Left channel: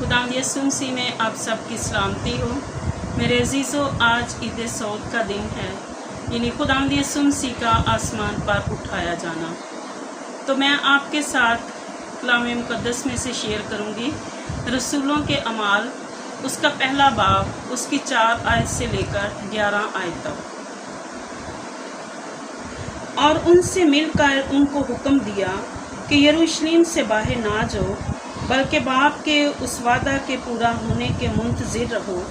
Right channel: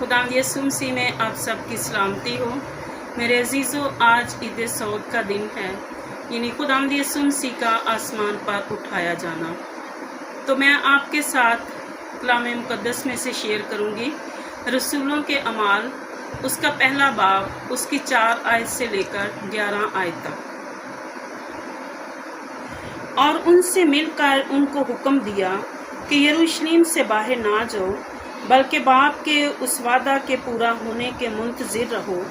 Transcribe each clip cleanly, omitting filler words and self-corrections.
खुदावंद यीशु मसीह में आप सबकी सलामती हो। मेरे अजीज़ों, आज ईद सऊद का दिन है, यानी खुदावंद यीशु मसीह का आसमान पर उठाया जाना। तो मैं आपके साथ कलाम मुक़द्दस में से शेयर करूंगी रसूलों के अमाल, उसका पहला बाब, उसकी 4 आयत से लेकर 11 आयत तक। और उनसे मिलकर उनको हुक्म दिया कि यरूशलेम से बाहर ना जाओ, बल्कि बाप के उस वादा के पूरा होने के मुंतज़िर रहो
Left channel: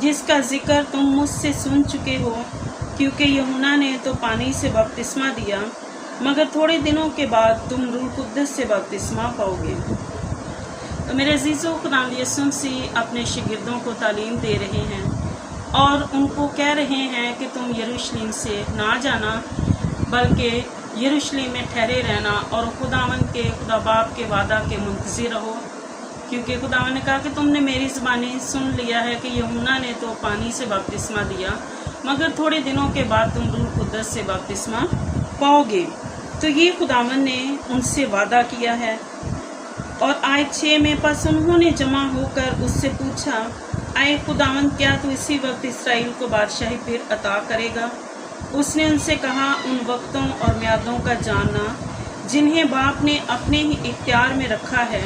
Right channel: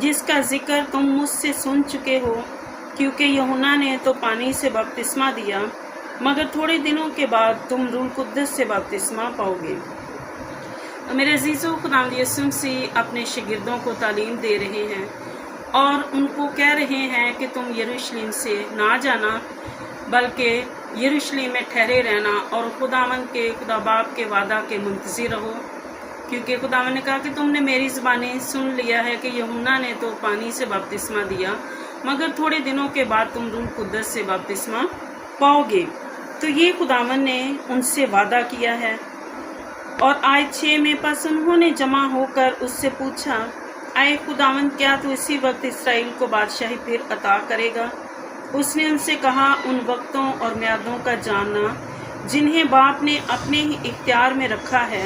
जिसका जिक्र तुम मुझसे सुन चुके हो, क्योंकि यूहन्ना ने तो पानी से बपतिस्मा दिया, मगर थोड़े दिनों के बाद तुम रूह कुद्दस से बपतिस्मा पाओगे। तो मेरे अजीज़ों, खुदावंद यीशु मसीह अपने शागिर्दों को तालीम दे रहे हैं और उनको कह रहे हैं कि तुम यरूशलेम से ना जाना, बल्कि यरूशलेम में ठहरे रहना और खुदावंद के खुदा बाप के वादा के मुंतज़िर रहो, क्योंकि खुदावंद ने कहा कि तुमने मेरी ज़बानी सुन लिया है कि यूहन्ना ने तो पानी से बपतिस्मा दिया, मगर थोड़े दिनों के बाद तुम रूह कुद्दस से बपतिस्मा पाओगे। तो ये खुदावंद ने उनसे वादा किया है। और आयत 6 में पस उन्होंने जमा होकर उससे पूछा, आए खुदावंद, क्या तू इसी वक्त इसराइल को बादशाही फिर अता करेगा? उसने उनसे कहा, उन वक्तों और म्यादों का जानना जिन्हें बाप ने अपने ही इख्तियार में रखा है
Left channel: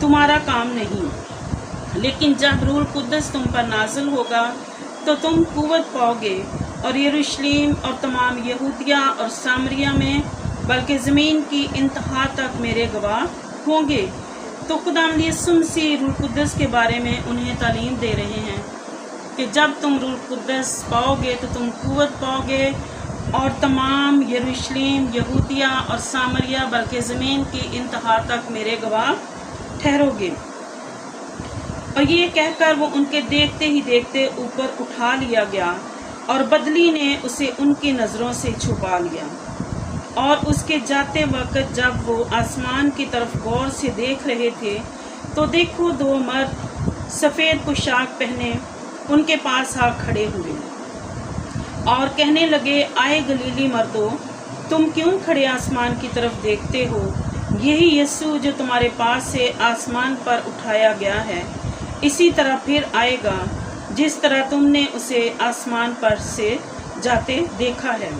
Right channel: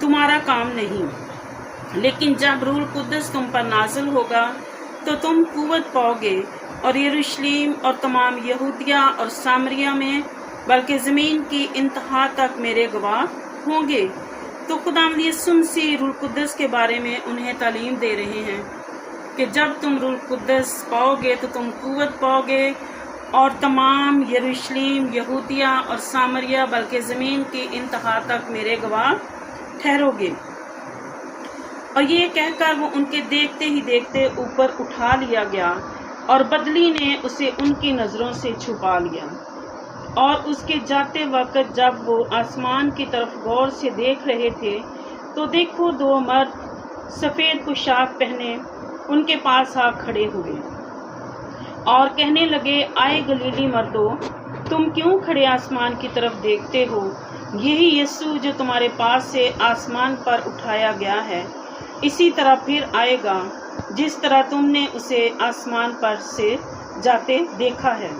तुम्हारा काम नहीं, लेकिन जब रूह कुद्दस तुम पर नाज़िल होगा तो तुम कुव्वत पाओगे और यरूशलेम और तमाम यहूदिया और सामरिया में, बल्कि ज़मीन की इंतहा तक मेरे गवाह होंगे। तो खुदावंद यीशु मसीह रूह कुद्दस के बारे में उन्हें तालीम दे रहे हैं कि जब तुम रूह कुद्दस पाओगे तो तुम कुव्वत पाओगे और तमाम यरूशलेम, यहूदिया और सामरिया, बल्कि ज़मीन की इंतहा तक मेरे गवाह ठहरोगे। और ये कहकर वो उनके देखते ही देखते ऊपर उठा लिया गया और बदली ने उसे उनकी नज़रों से छुपा लिया। और उसके जाते वक्त जब वो आसमान की तरफ गौर से देख रहे थे तो देखो 2 मर्द सफ़ेद पोशाक पहने उनके पास आ खड़े हुए और कहने लगे, आए गलीली मर्दों, तुम क्यों खड़े आसमान की तरफ देखते हो? यही यीशु जो तुम्हारे पास से आसमान पर उठाया गया है, इसी तरह फिर आएगा जिस तरह तुमने उसे आसमान पर से जाते देखा है।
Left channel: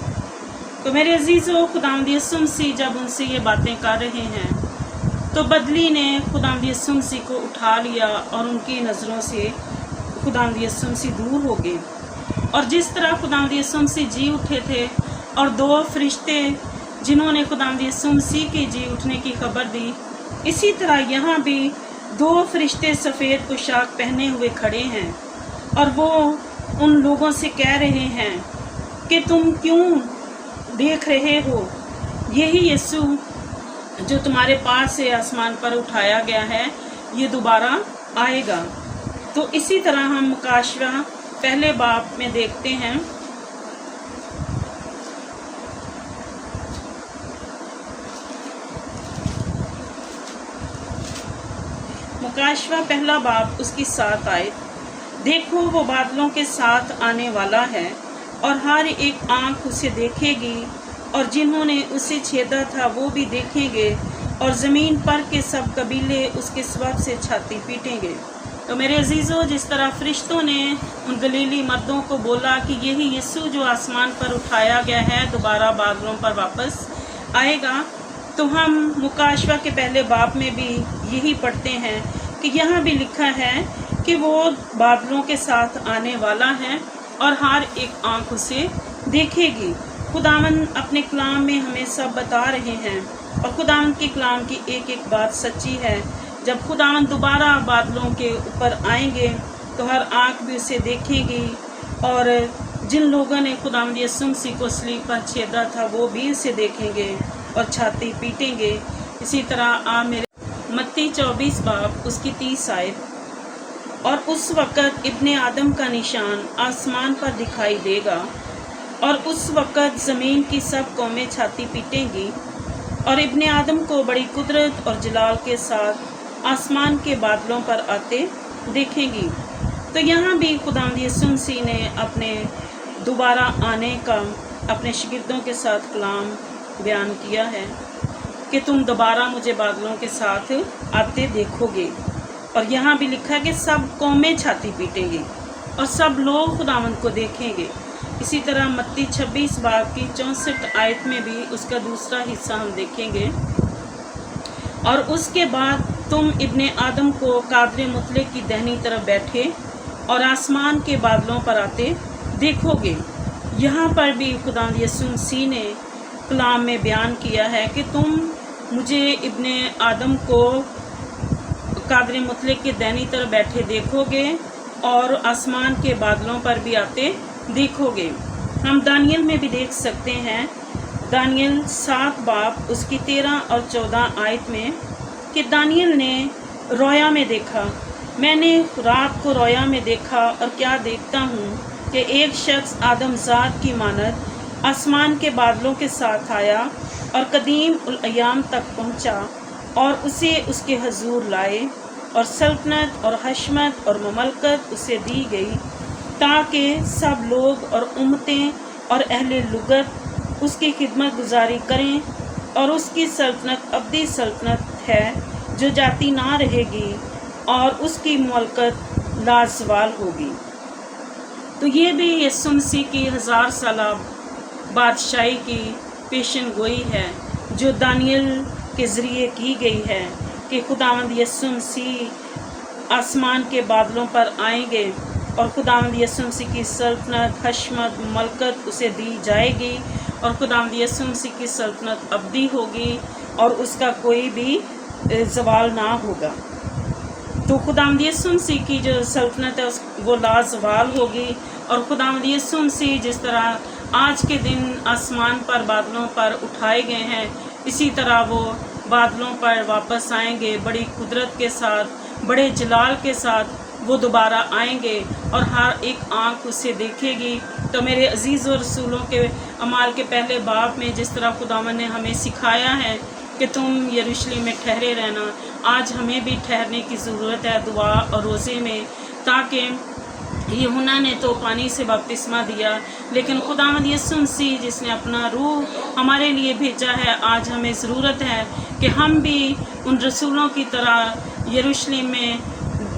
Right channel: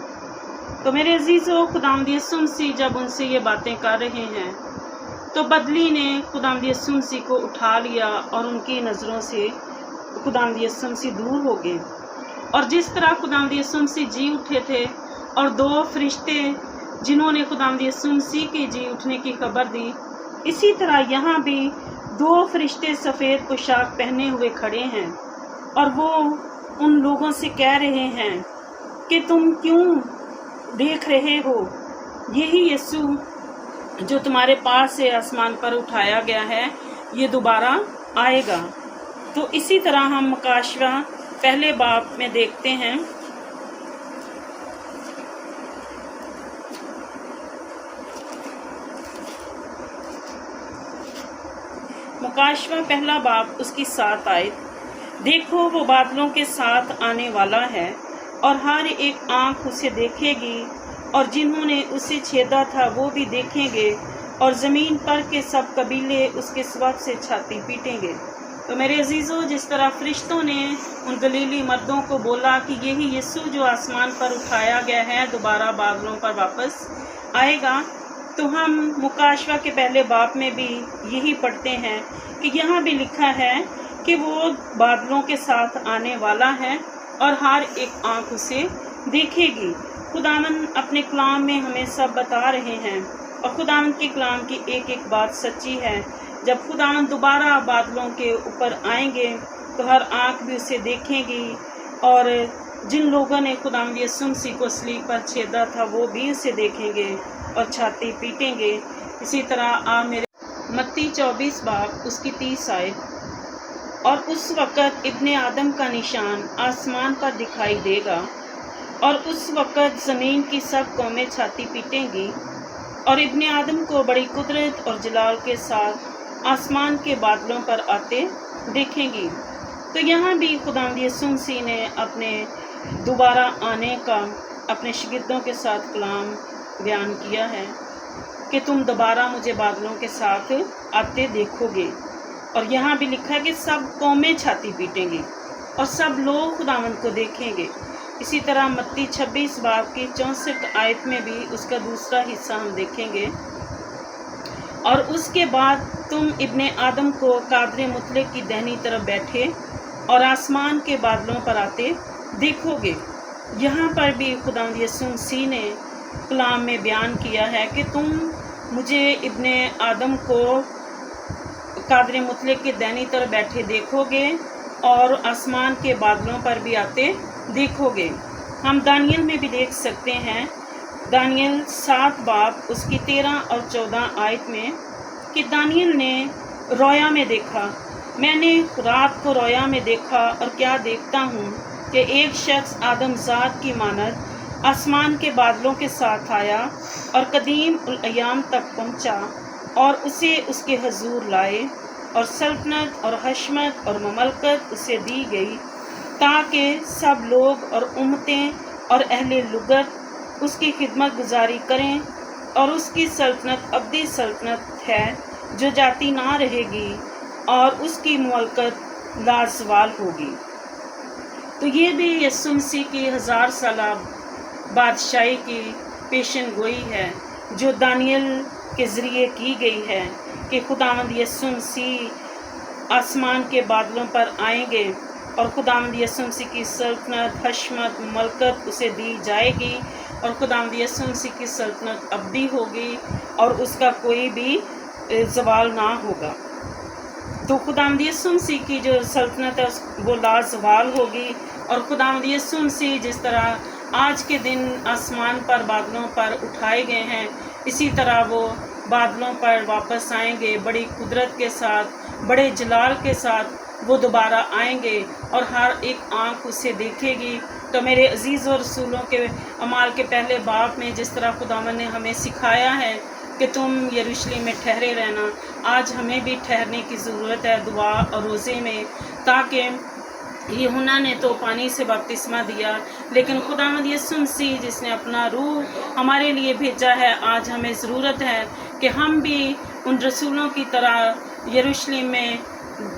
तो मेरे अजीज़ों, खुदावंद यीशु मसीह जब उनसे ये बातें कर रहे हैं तो बदली ने खुदावंद यीशु मसीह को उठा लिया और उनकी नज़रों से खुदावंद यीशु मसीह दूर हो गए। और जिस तरह खुदावंद यीशु मसीह जी उठे थे और 2 फरिश्ते जिन्होंने खुदावंद यीशु मसीह के जी उठने की खबर दी, इसी तरह यहाँ भी 2 फरिश्ते सफ़ेद पोशाक पहने हुए खड़े हैं और वो उन लोगों से कह रहे हैं कि तुम क्यों देख रहे हो? यही यीशु जो तुम्हारे पास से आसमान पर उठाया गया है, ये दोबारा आएगा। तो इसी तरह हम मुकाशवा पहले बाब में देखते हैं। मुकाशवा पहला बाब, उसकी 7 आयत। देखो, वो बादलों के साथ आने वाला है और हर एक आँख उसे देखेगी और जिन्होंने उसे छेदा था वो भी देखेंगे और ज़मीन पर के सब कबीले उसके सबब से छाती पीटेंगे। तो मेरे अजीज़ों, जिस तरह फरिश्तों ने उन गलीली मर्दों को बोला कि यही यीशु जो आसमान पर उठाया गया है दोबारा बादलों पर वापस आएगा, तो हम मुकाशवा के पहले बाब में भी यही पढ़ते हैं कि यहाँ भी लिखा है कि वो बादलों के साथ आने वाला है और हर एक आँख उसे देखेगी। खुदावंद अपने कलाम में हमें सब बता रहे हैं और खुदावंद के कलाम की एक एक बात सच्ची है। जब खुदावंद दोबारा बादलों के ऊपर आएंगे तो हर आँख भी उसे देखेगी और जिन लोगों ने खुदावंद यीशु मसीह को सलीब पर छेदा था वो भी उसे देखेंगे और छाती पीटेंगे। इसी तरह मेरे मत्ती 24 बाब, उसकी 30 आयत। और उस वक़्त इब्ने आदम का निशान आसमान पर दिखाई देगा और उस वक़्त ज़मीन की सब कौमें छाती पीटेंगी और इब्ने आदम को बड़ी कुदरत और जलाल के साथ आसमान के बादलों पर आते देखेंगी। तो यहाँ भी खुदावंद यीशु मसीह ने अपने दोबारा आने का अपने शागिर्दों के साथ कलाम बयान किया है कि तुम दोबारा मुझे बादलों के साथ आते देखोगे। और यहाँ भी लिखा है कि सब कौमें छाती पीटेंगी और सब लोग खुदावंद को देखेंगे। इसी तरह मत्ती 26 बाब की 64 आयत में भी उसका दूसरा हिस्सा हम देखेंगे। और उसके बाद तुम इब्ने आदम को कादर मुतलक की दाहिनी तरफ बैठे और आसमान के बादलों पर आते देखोगे। यहाँ पर भी खुदावंद यीशु मसीह ने कलाम में बयान किया है कि तुम मुझे इब्ने आदम को कादर मुतलक के दाहिनी तरफ बैठे देखोगे और आसमान के बादलों पर भी आते देखोगे। हम दानियल में भी देख सकते हैं, दानियल 7 बाब उसकी 13 और 14 आयत में, कि दानियल ने रोया में देखा, मैंने रात को रोया में देखा और क्या देखता हूँ कि एक शख्स आदमजात की मानद आसमान के बादलों के साथ आया और कदीम उल अयाम तक पहुँचा और उसे उसके हजूर लाए और सल्तनत और हशमत और ममलकत उसे दी गई ताकि सब लोग और उम्मतें और अहले लुगत उसकी खिदमत गुजारी करें। और उसकी सल्तनत अब्दी सल्तनत है जो जाती ना रहेगी और उसकी ममलकत लाजवाल होगी। तो ये भी यीशु मसीह की 1000 साला बादशाही की पेशन गोई है जो दानियल के ज़रिए की गई है कि खुदावंद यीशु मसीह आसमान के बादलों पर आएंगे और खुदावंद यीशु मसीह की सल्तनत हशमत मलकत उसे दी जाएगी और खुदावंद यीशु मसीह की सल्तनत अब्दी होगी और उसका कोई भी ज़वाल ना होगा। तो खुदावंद यीशु मसीह की जो सल्तनत है वो लाजवाल होगी। और खुदावंद यीशु मसीह जिस तरह आज के दिन आसमान पर बादलों पर उठाए गए हैं, इसी तरह वो बादलों पर वापस आएंगे बड़ी कुदरत के साथ, बड़े जलाल के साथ वो दोबारा आएंगे और हर एक आँख उसे देखेगी। तो मेरे अजीज़ और रसूलों के अमाल के पहले बाब में जिस तरह खुदावंद ने हमें सिखाया है कि तुम यरूशलेम में ठहरे रहना, आज हमें भी ठहरने की ज़रूरत है दुआ और रोज़े में, ताकि यूहन्ना ने तो पानी से बपतिस्मा दिया, लेकिन खुदावंद यीशु मसीह जिसने अपना रूह हमारे लिए भेजा है, आज हमें ज़रूरत है कि हम भी उन रसूलों की तरह यरूशलेम में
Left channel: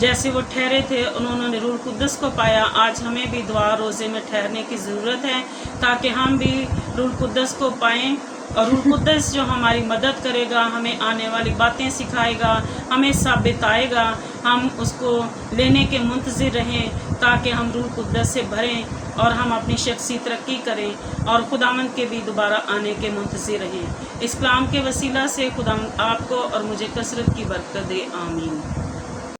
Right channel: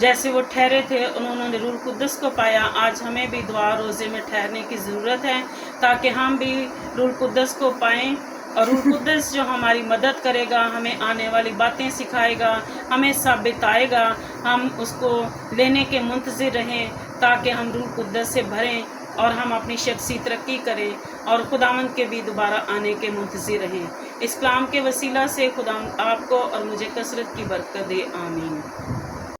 जैसे वो ठहरे थे उन्होंने रूह कुद्दस को पाया, आज हमें भी दुआ रोज़े में ठहरने की ज़रूरत है ताकि हम भी रूह कुद्दस को पाएँ। और रूह कुद्दस जो हमारी मदद करेगा, हमें आने वाली बातें सिखाएगा, हमें साबित आएगा, हम उसको लेने के मुंतज़िर रहें ताकि हम रूह कुद्दस से भरें और हम अपनी शख्सी तरक्की करें और खुदावंद के भी दोबारा आने के मुंतज़िर रहें। इस कलाम के वसीला से खुदावंद आपको और मुझे कसरत की बरकत दे। आमीन।